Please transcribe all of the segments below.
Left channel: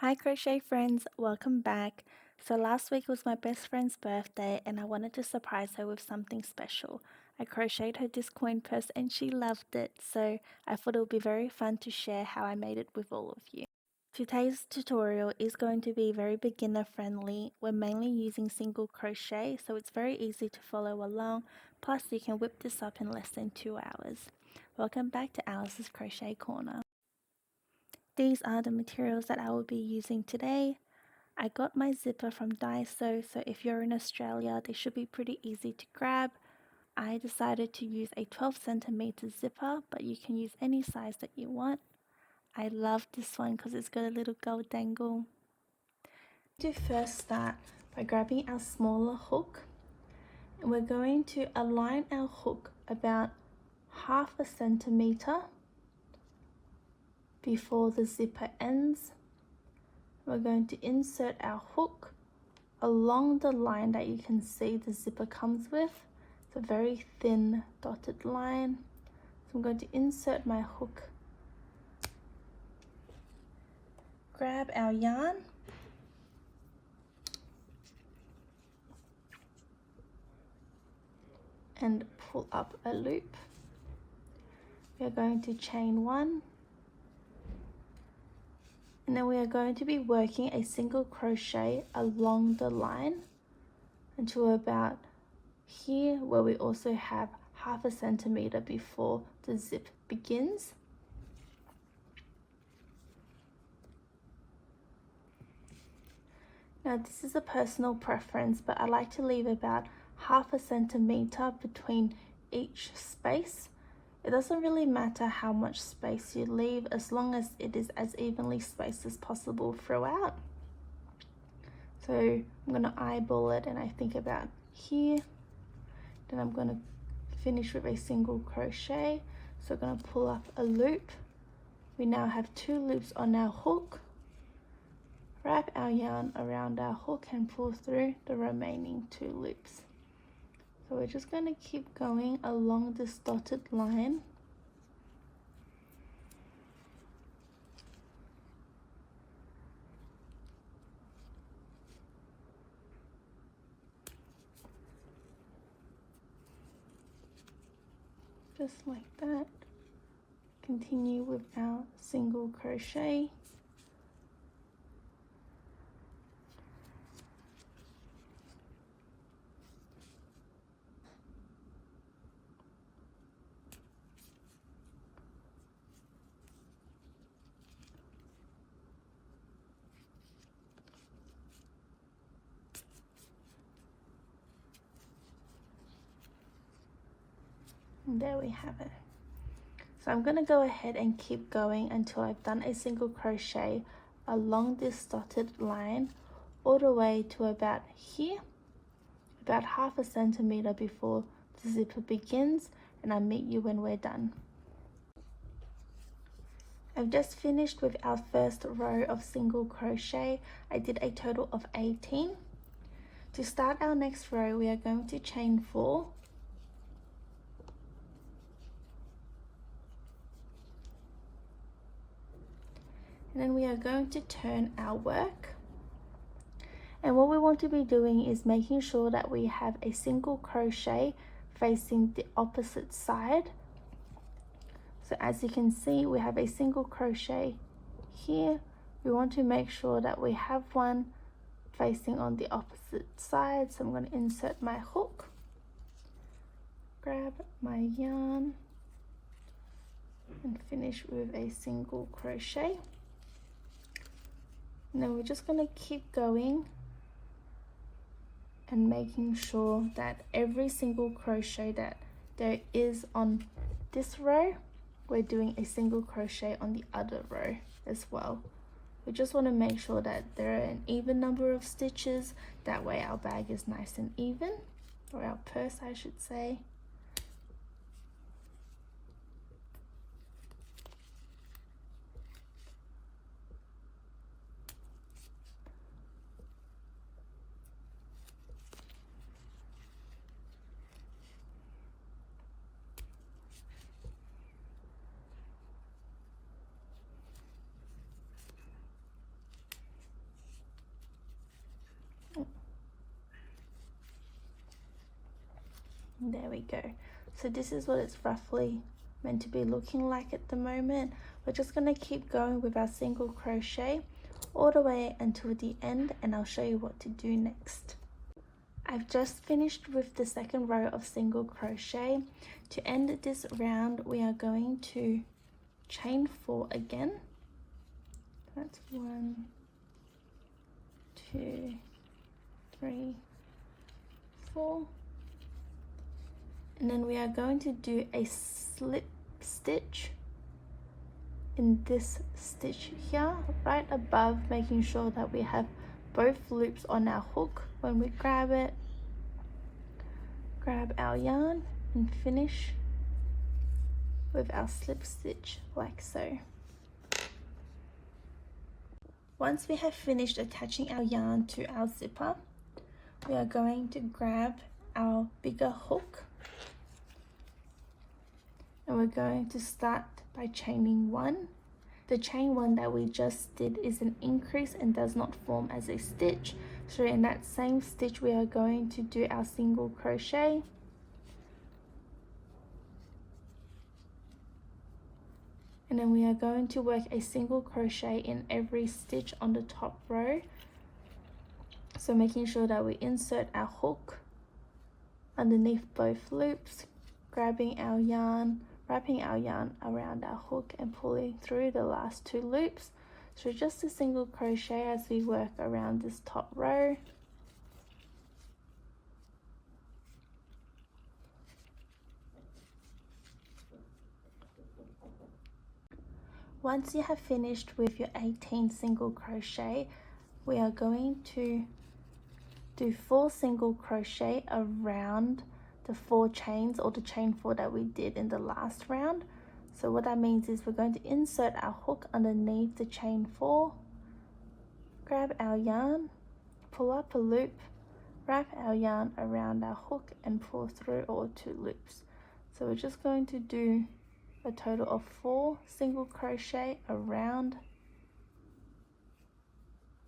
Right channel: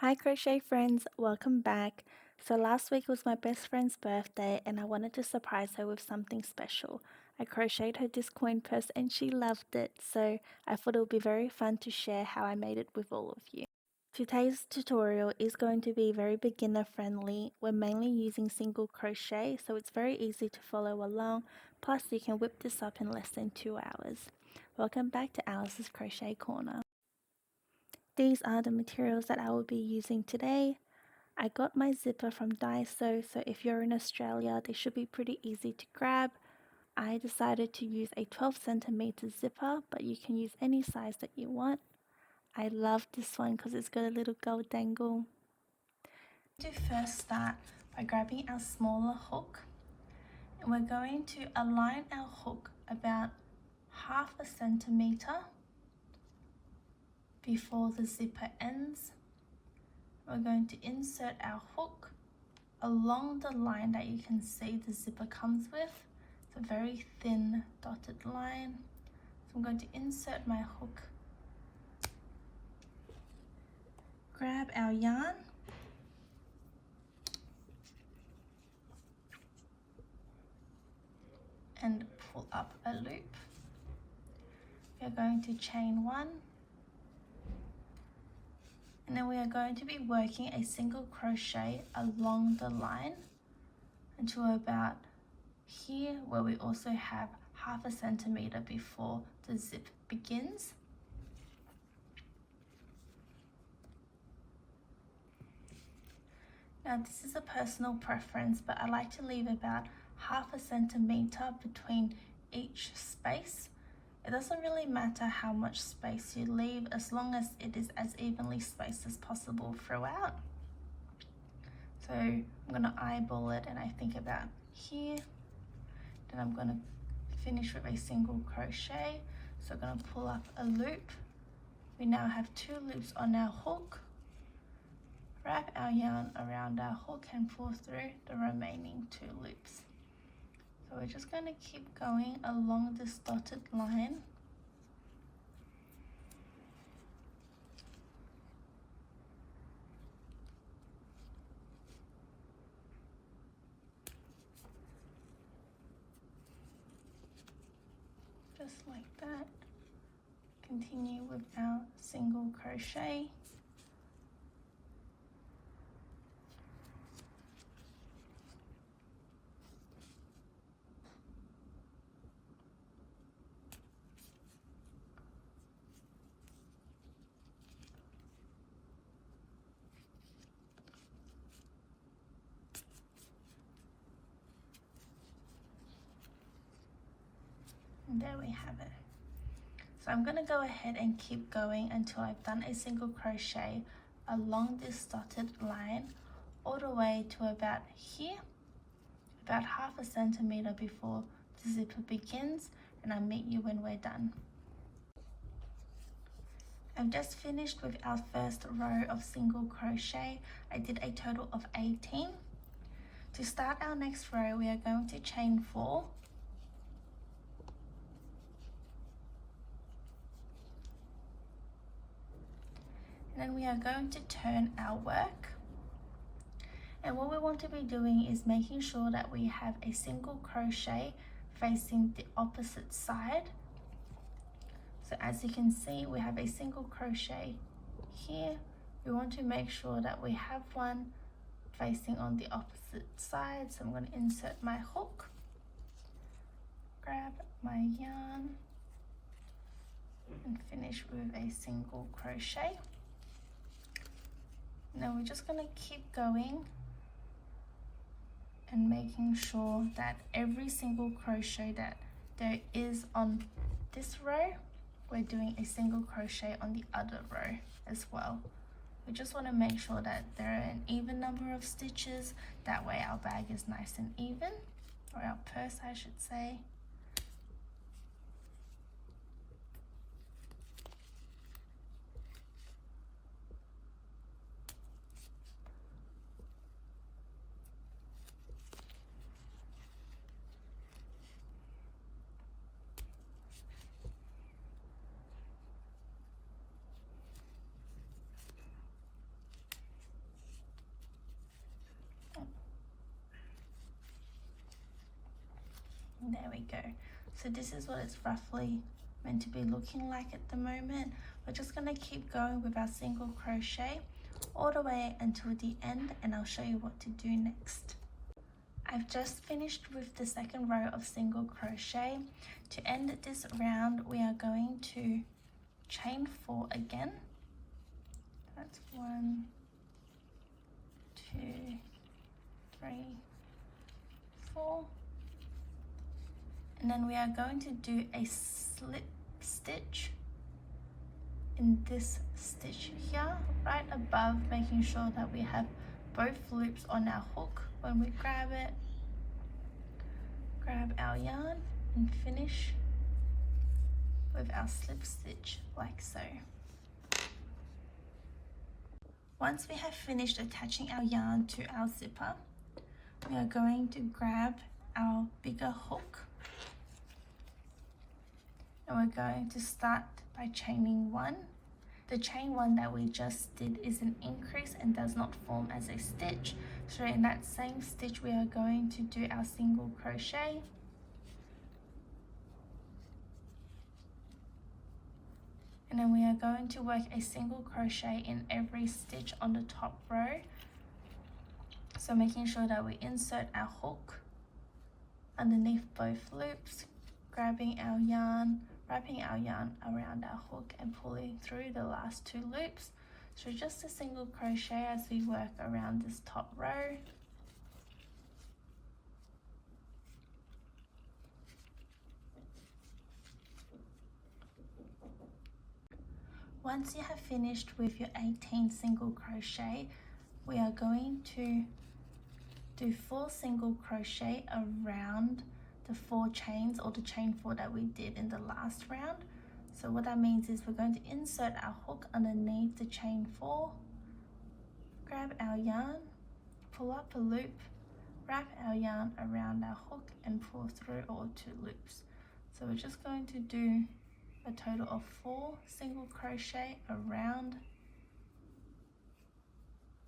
Hi, crochet friends, welcome back. So, last week was my best friend's birthday, and I wanted to surprise her with something special. I crocheted her this coin purse, and she loved it, so I thought it would be very fun to share how I made it with all of you. Today's tutorial is going to be very beginner friendly. We're mainly using single crochet, so it's very easy to follow along. Plus, you can whip this up in less than 2 hours. Welcome back to Alice's Crochet Corner. These are the materials that I will be using today. I got my zipper from Daiso, so if you're in Australia, they should be pretty easy to grab. I decided to use a 12 centimeter zipper, but you can use any size that you want. I love this one because it's got a little gold dangle. To first start by grabbing our smaller hook, and we're going to align our hook about 1/2 centimeter before the zipper ends. We're going to insert our hook along the line that you can see the zipper comes with. It's a very thin dotted line. So I'm going to insert my hook, grab our yarn, and pull up a loop. We are going to chain 1, and then we are going to be working a single crochet along the line until about here, where we also have 1/2 centimeter before the zip begins. Now this is a personal preference, but I like to leave about 1/2 centimeter between each space. It doesn't really matter how much space you leave as long as it is as evenly spaced as possible throughout. So I'm going to eyeball it, and I think about here. Then I'm going to finish with a single crochet. So I'm going to pull up a loop. We now have 2 loops on our hook. Wrap our yarn around our hook and pull through the remaining 2 loops. So we're just going to keep going along this dotted line. Just like that. Continue with our single crochet. And there we have it. So I'm going to go ahead and keep going until I've done a single crochet along this dotted line all the way to about here, about 1/2 centimeter before the zipper begins, and I'll meet you when we're done. I've just finished with our first row of single crochet. I did a total of 18. To start our next row, we are going to chain 4. And then we are going to turn our work. And what we want to be doing is making sure that we have a single crochet facing the opposite side. So as you can see, we have a single crochet here. We want to make sure that we have one facing on the opposite side. So I'm going to insert my hook, grab my yarn, and finish with a single crochet. Now we're just going to keep going and making sure that every single crochet that there is on this row, we're doing a single crochet on the other row as well. We just want to make sure that there are an even number of stitches, that way our bag is nice and even, or our purse I should say. There we go. So this is what it's roughly meant to be looking like at the moment. We're just going to keep going with our single crochet all the way until the end, and I'll show you what to do next. I've just finished with the second row of single crochet. To end this round, we are going to chain 4 again. That's 1, 2, 3, 4. And then we are going to do a slip stitch in this stitch here, right above, making sure that we have both loops on our hook. When we grab it, grab our yarn and finish with our slip stitch like so. Once we have finished attaching our yarn to our zipper, we are going to grab our bigger hook, and we're going to start by chaining 1. The chain 1 that we just did is an increase and does not form as a stitch. So in that same stitch, we are going to do our single crochet. And then we are going to work a single crochet in every stitch on the top row. So making sure that we insert our hook underneath both loops, grabbing our yarn, wrapping our yarn around our hook and pulling through the last 2 loops. So just a single crochet as we work around this top row. Once you have finished with your 18 single crochet, we are going to do 4 single crochet around the 4 chains, or the chain 4 that we did in the last round. So what that means is we're going to insert our hook underneath the chain 4, grab our yarn, pull up a loop, wrap our yarn around our hook and pull through all 2 loops. So we're just going to do a total of 4 single crochet around,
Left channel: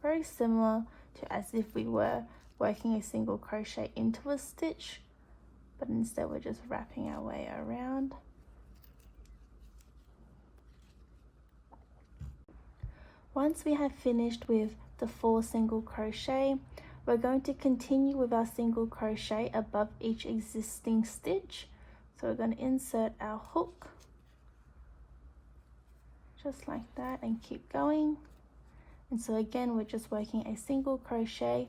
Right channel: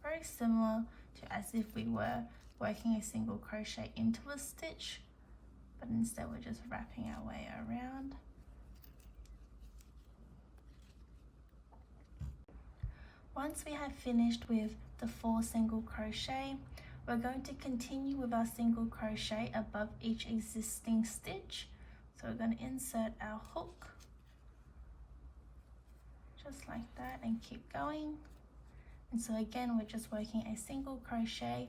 very similar to as if we were working a single crochet into a stitch, but instead we're just wrapping our way around. Once we have finished with the 4 single crochet, we're going to continue with our single crochet above each existing stitch. So we're going to insert our hook just like that and keep going. And so again, we're just working a single crochet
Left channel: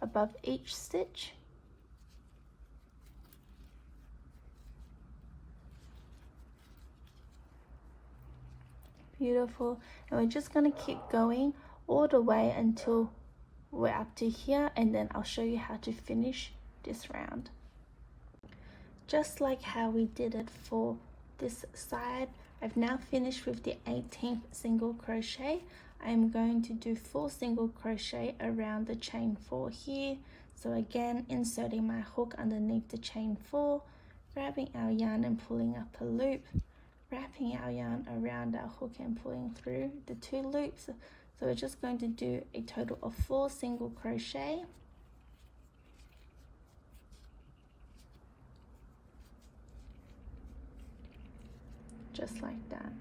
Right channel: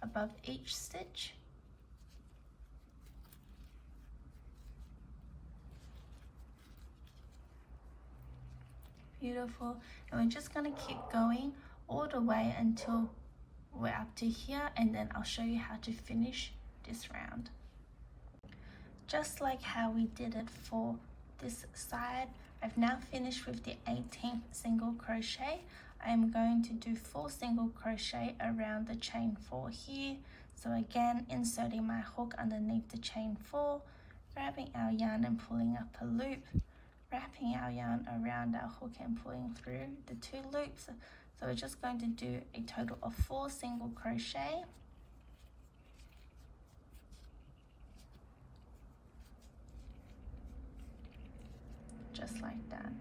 above each stitch. Beautiful. And we're just going to keep going all the way until we're up to here, and then I'll show you how to finish this round. Just like how we did it for this side, I've now finished with the 18th single crochet. I am going to do 4 single crochet around the chain 4 here. So again, inserting my hook underneath the chain 4, grabbing our yarn and pulling up a loop, wrapping our yarn around our hook and pulling through the 2 loops. So we're just going to do a total of 4 single crochet. Just like that.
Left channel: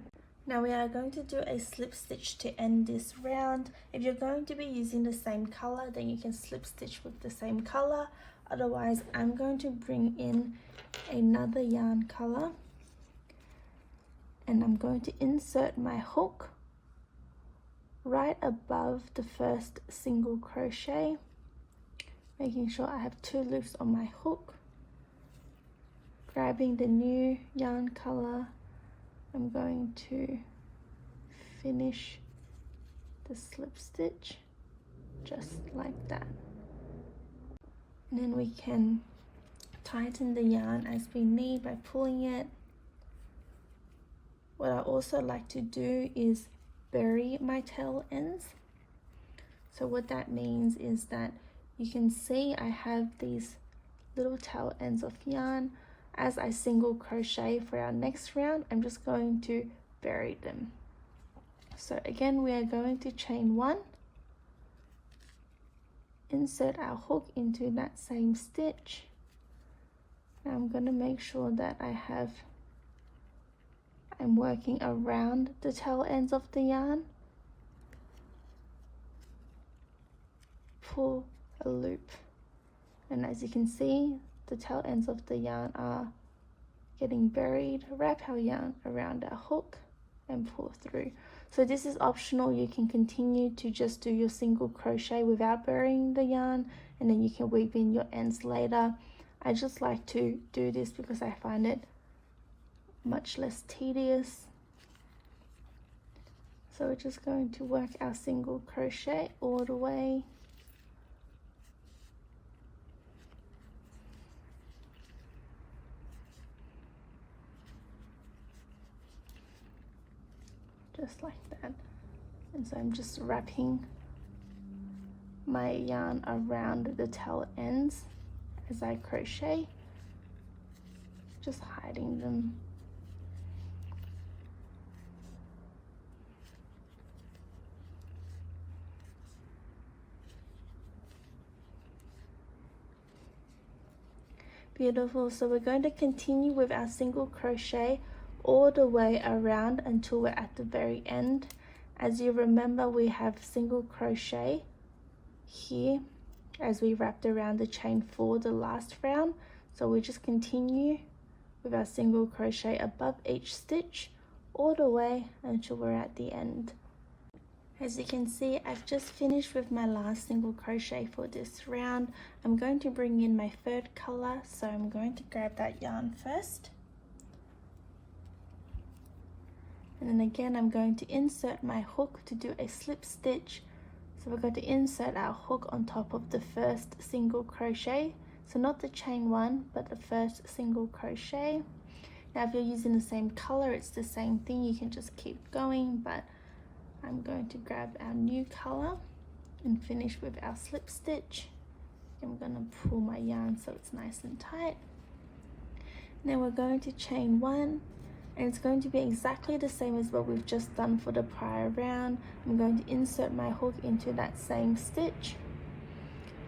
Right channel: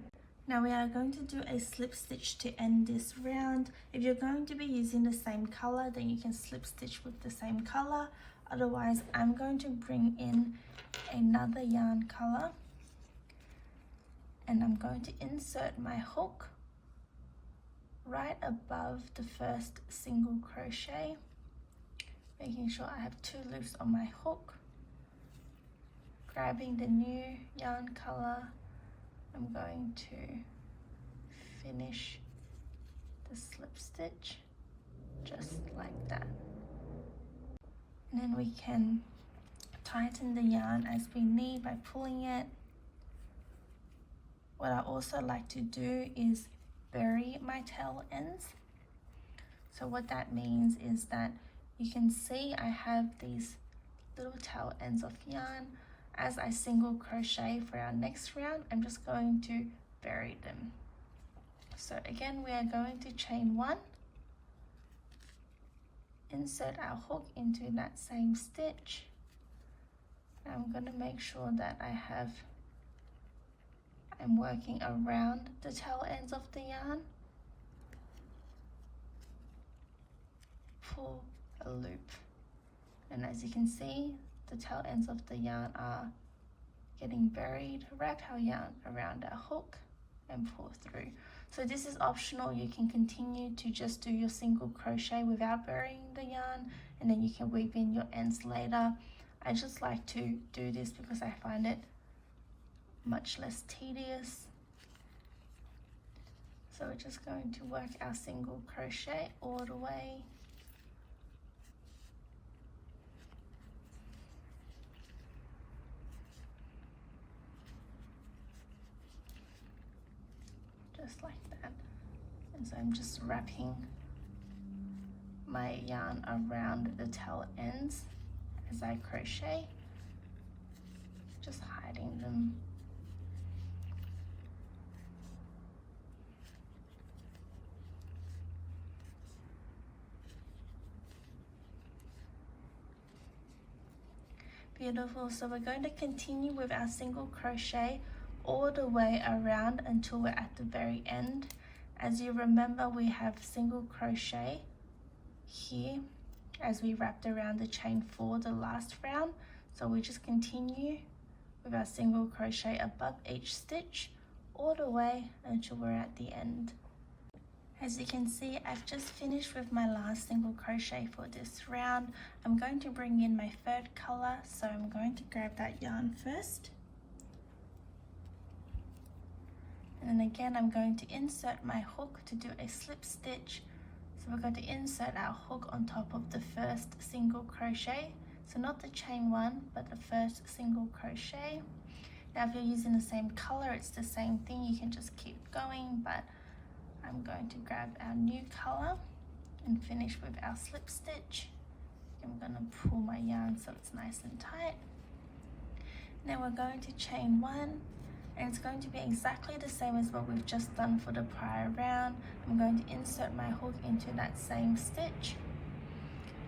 Now we are going to do a slip stitch to end this round. If you're going to be using the same color, then you can slip stitch with the same color. Otherwise, I'm going to bring in another yarn color, and I'm going to insert my hook right above the first single crochet, making sure I have 2 loops on my hook, grabbing the new yarn color. I'm going to finish the slip stitch just like that, and then we can tighten the yarn as we need by pulling it. What I also like to do is bury my tail ends. So what that means is that you can see I have these little tail ends of yarn. As I single crochet for our next round, I'm just going to bury them. So again, we are going to chain 1, insert our hook into that same stitch, I'm going to make sure that I'm working around the tail ends of the yarn. Pull a loop, and as you can see, the tail ends of the yarn are getting buried. Wrap our yarn around our hook and pull through. So this is optional. You can continue to just do your single crochet without burying the yarn, and then you can weave in your ends later. I just like to do this because I find it much less tedious. So we're just going to work our single crochet all the way. Just like that. And so I'm just wrapping my yarn around the tail ends as I crochet, just hiding them. Beautiful. So we're going to continue with our single crochet all the way around until we're at the very end. As you remember, we have single crochet here as we wrapped around the chain for the last round. So we just continue with our single crochet above each stitch all the way until we're at the end. As you can see, I've just finished with my last single crochet for this round. I'm going to bring in my third color, so I'm going to grab that yarn first. And then again, I'm going to insert my hook to do a slip stitch. So we're going to insert our hook on top of the first single crochet. So not the chain one, but the first single crochet. Now if you're using the same color, it's the same thing. You can just keep going, but I'm going to grab our new color and finish with our slip stitch. I'm going to pull my yarn so it's nice and tight. Then we're going to chain one, and it's going to be exactly the same as what we've just done for the prior round. I'm going to insert my hook into that same stitch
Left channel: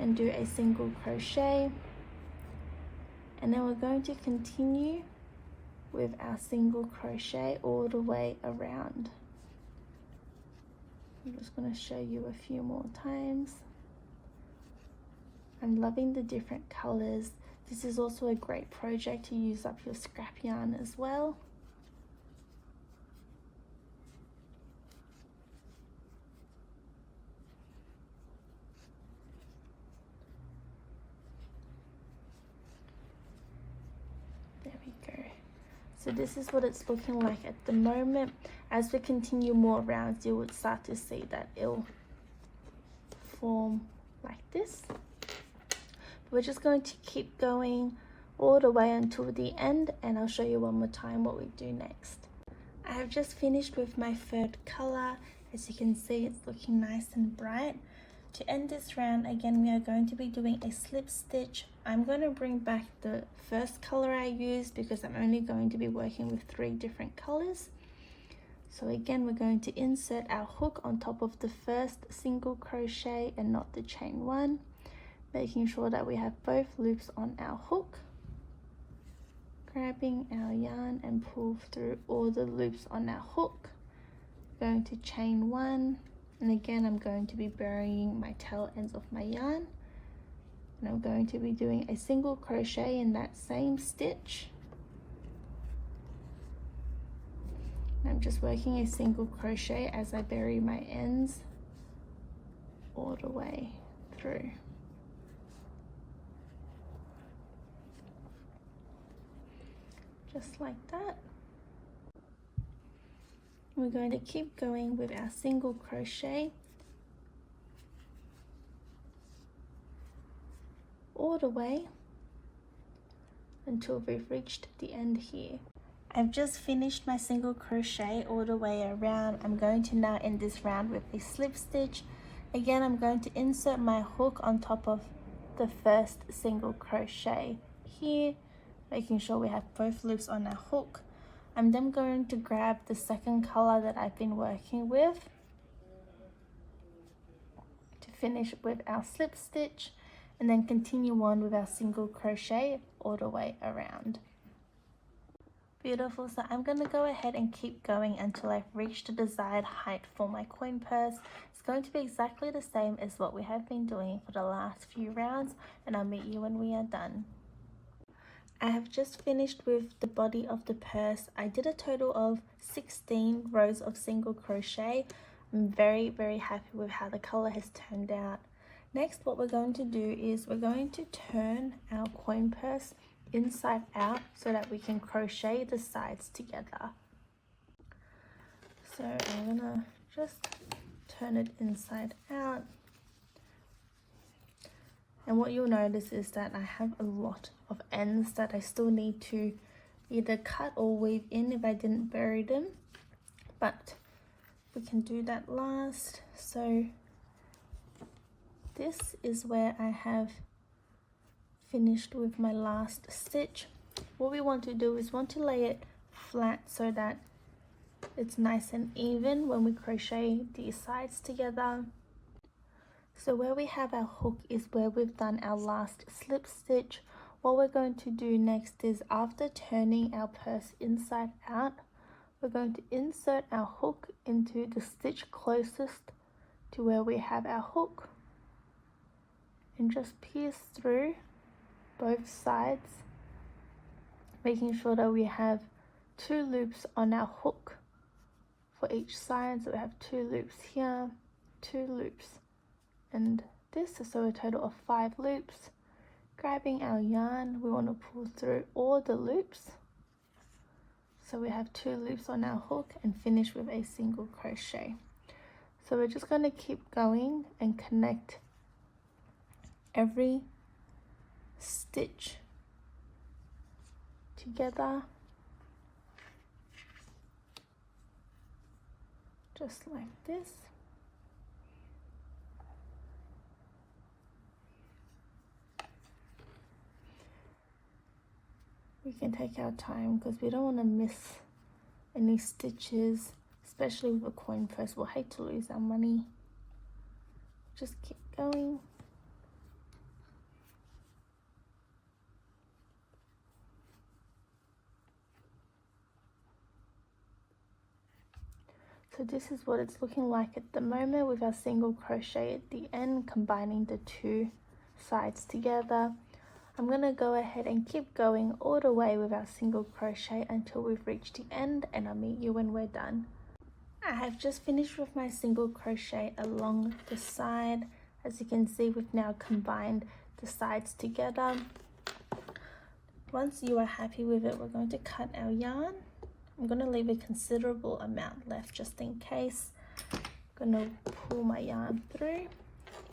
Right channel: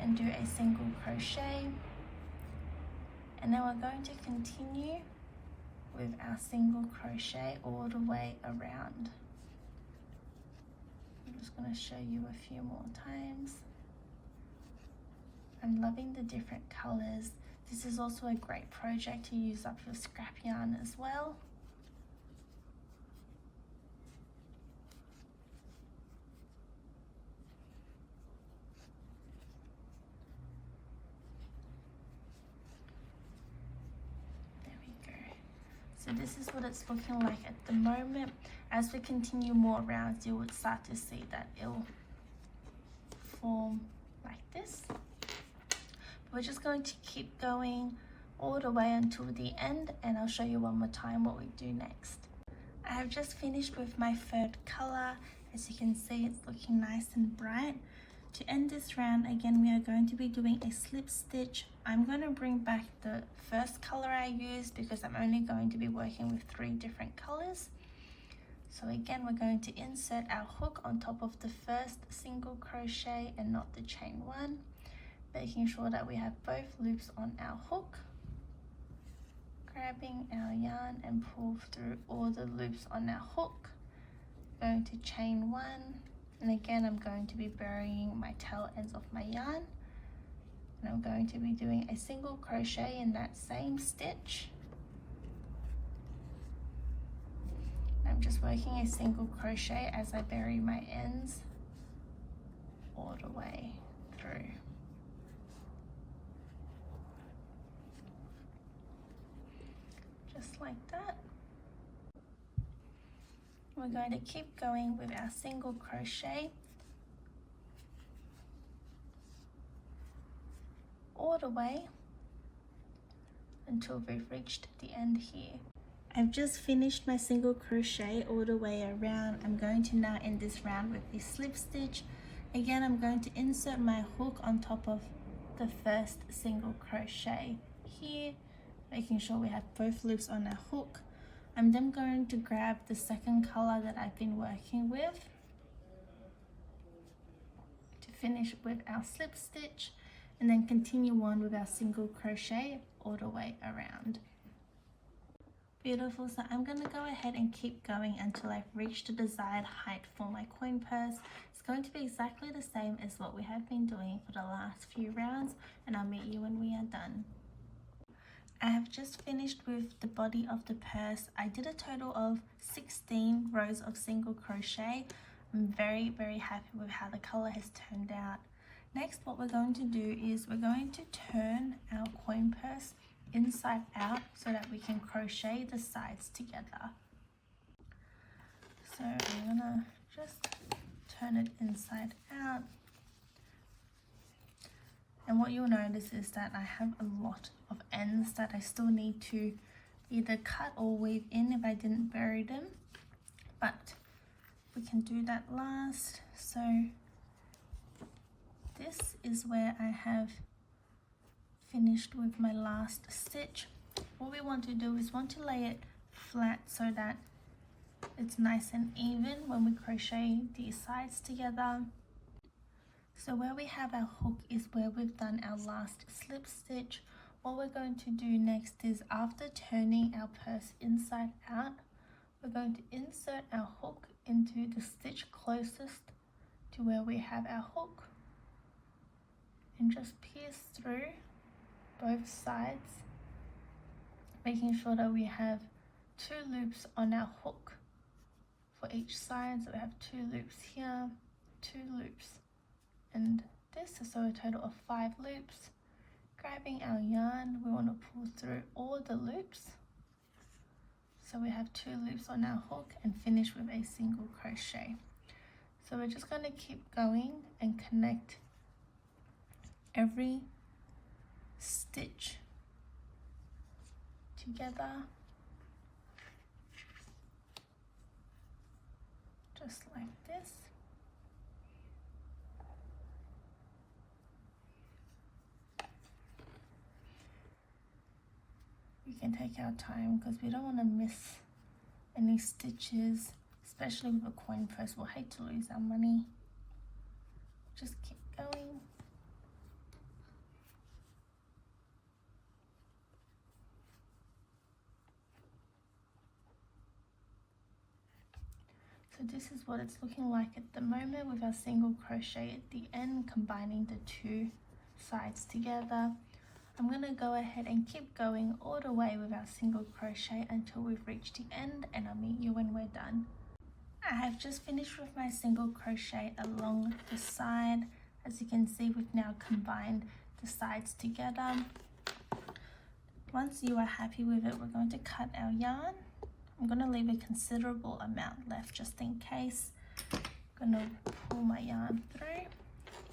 and do a single crochet, and then we're going to continue with our single crochet all the way around. I'm just going to show you a few more times. I'm loving the different colors. This is also a great project to use up your scrap yarn as well. There we go. So this is what it's looking like at the moment. As we continue more rounds, you would start to see that it'll form like this. We're just going to keep going all the way until the end, and I'll show you one more time what we do next. I have just finished with my third color. As you can see, it's looking nice and bright. To end this round, again, we are going to be doing a slip stitch. I'm going to bring back the first color I used because I'm only going to be working with 3 different colors. So again, we're going to insert our hook on top of the first single crochet and not the chain one, making sure that we have both loops on our hook, grabbing our yarn and pull through all the loops on our hook, going to chain one, and again I'm going to be burying my tail ends of my yarn, and I'm going to be doing a single crochet in that same stitch. I'm just working a single crochet as I bury my ends all the way through. Just like that. We're going to keep going with our single crochet all the way until we've reached the end here. I've just finished my single crochet all the way around. I'm going to now end this round with a slip stitch. Again, I'm going to insert my hook on top of the first single crochet here, making sure we have both loops on our hook. I'm then going to grab the second color that I've been working with to finish with our slip stitch, and then continue on with our single crochet all the way around. Beautiful. So I'm going to go ahead and keep going until I've reached the desired height for my coin purse. It's going to be exactly the same as what we have been doing for the last few rounds, and I'll meet you when we are done. I have just finished with the body of the purse. I did a total of 16 rows of single crochet. I'm very happy with how the color has turned out. Next, what we're going to do is we're going to turn our coin purse inside out so that we can crochet the sides together. So I'm gonna just turn it inside out. And what you'll notice is that I have a lot of ends that I still need to either cut or weave in if I didn't bury them, but we can do that last. So this is where I have finished with my last stitch. What we want to do is want to lay it flat so that it's nice and even when we crochet these sides together. So where we have our hook is where we've done our last slip stitch. What we're going to do next is, after turning our purse inside out, we're going to insert our hook into the stitch closest to where we have our hook and just pierce through both sides, making sure that we have 2 loops on our hook for each side. So we have 2 loops here, 2 loops, and this, so a total of 5 loops. Grabbing our yarn, we want to pull through all the loops, so we have 2 loops on our hook, and finish with a single crochet. So we're just going to keep going and connect every stitch together, just like this. We can take our time because we don't want to miss any stitches, especially with a coin purse. We'll hate to lose our money. Just keep going. So this is what it's looking like at the moment with our single crochet at the end, combining the 2 sides together. I'm going to go ahead and keep going all the way with our single crochet until we've reached the end, and I'll meet you when we're done. I have just finished with my single crochet along the side. As you can see, we've now combined the sides together. Once you are happy with it, we're going to cut our yarn. I'm going to leave a considerable amount left just in case. I'm going to pull my yarn through,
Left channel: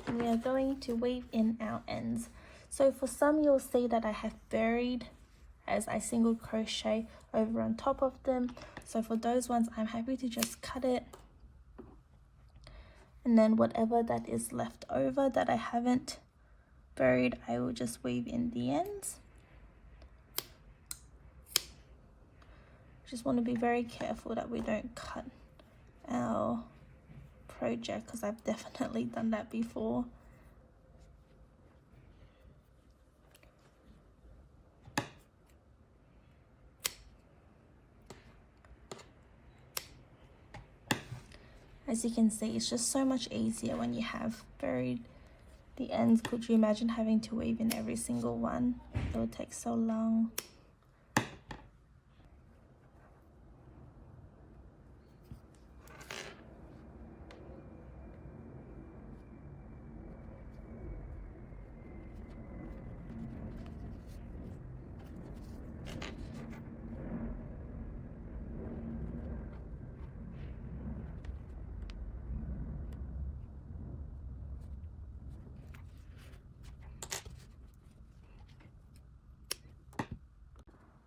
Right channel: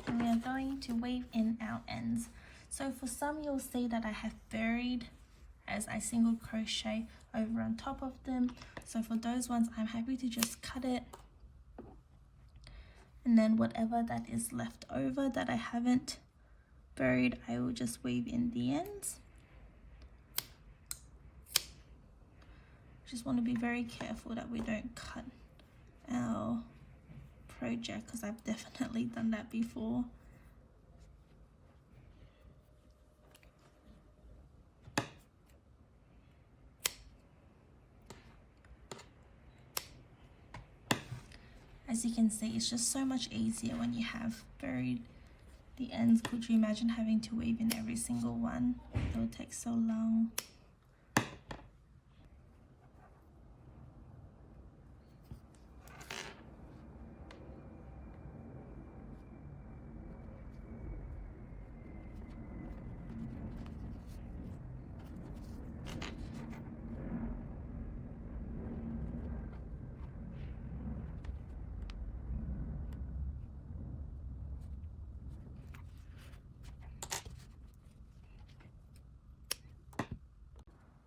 and we are going to weave in our ends. So for some, you'll see that I have buried as I single crochet over on top of them. So for those ones, I'm happy to just cut it, and then whatever that is left over that I haven't buried, I will just weave in the ends. Just want to be very careful that we don't cut our project, because I've definitely done that before. As you can see, it's just so much easier when you have buried the ends. Could you imagine having to weave in every single one? It would take so long.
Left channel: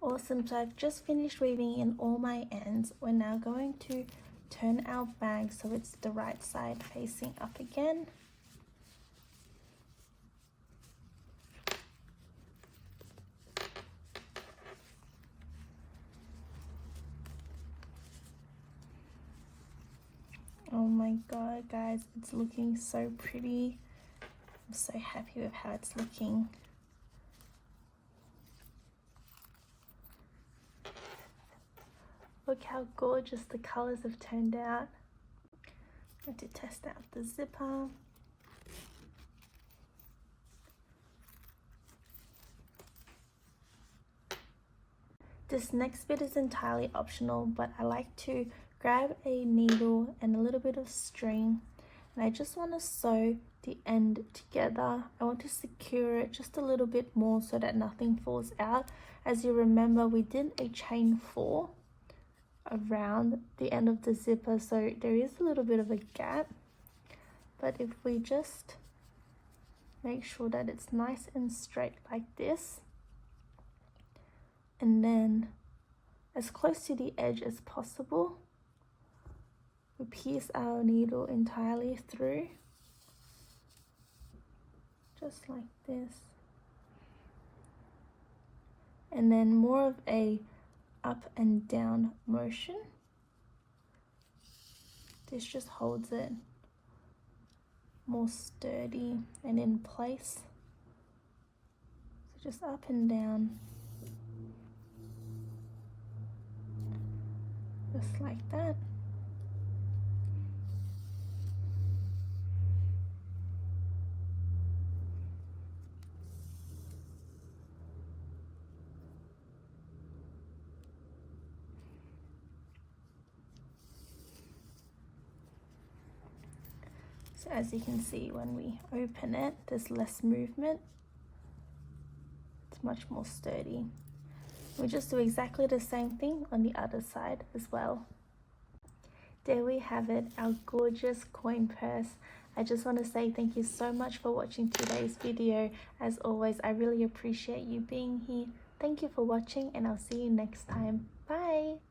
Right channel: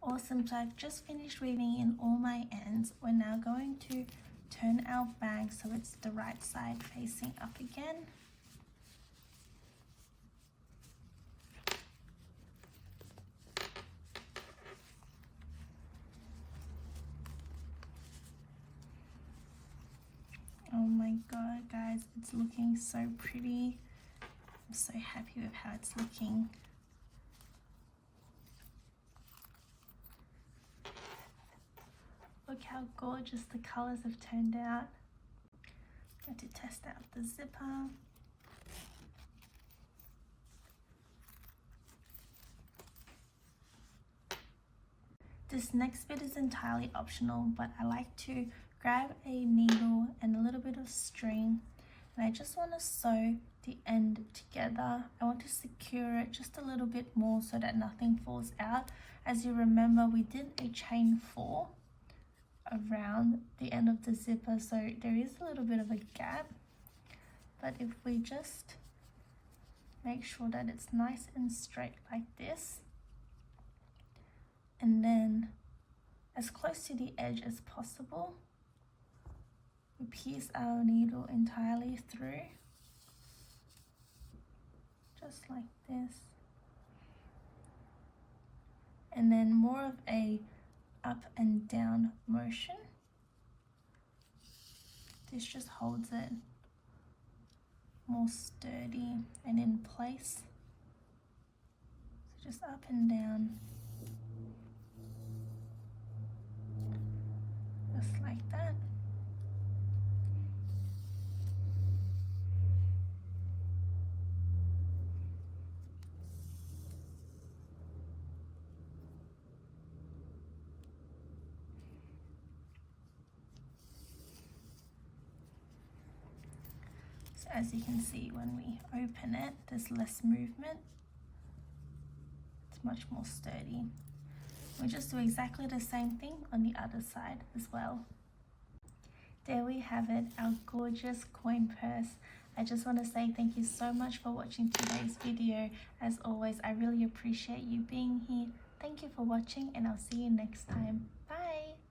Awesome, so I've just finished weaving in all my ends. We're now going to turn our bag so it's the right side facing up again. Oh my god, guys, it's looking so pretty. I'm so happy with how it's looking. Look how gorgeous the colors have turned out. I have to test out the zipper. This next bit is entirely optional, but I like to grab a needle and a little bit of string, and I just want to sew the end together. I want to secure it just a little bit more so that nothing falls out. As you remember, we did a chain 4 around the end of the zipper, so there is a little bit of a gap, but if we just make sure that it's nice and straight like this, and then as close to the edge as possible, we pierce our needle entirely through, just like this, and then more of a up and down motion. This just holds it more sturdy and in place. So just up and down, just like that. So as you can see, when we open it, there's less movement. It's much more sturdy. We just do exactly the same thing on the other side as well. There we have it, our gorgeous coin purse. I just want to say thank you so much for watching today's video. As always, I really appreciate you being here. Thank you for watching, and I'll see you next time. Bye!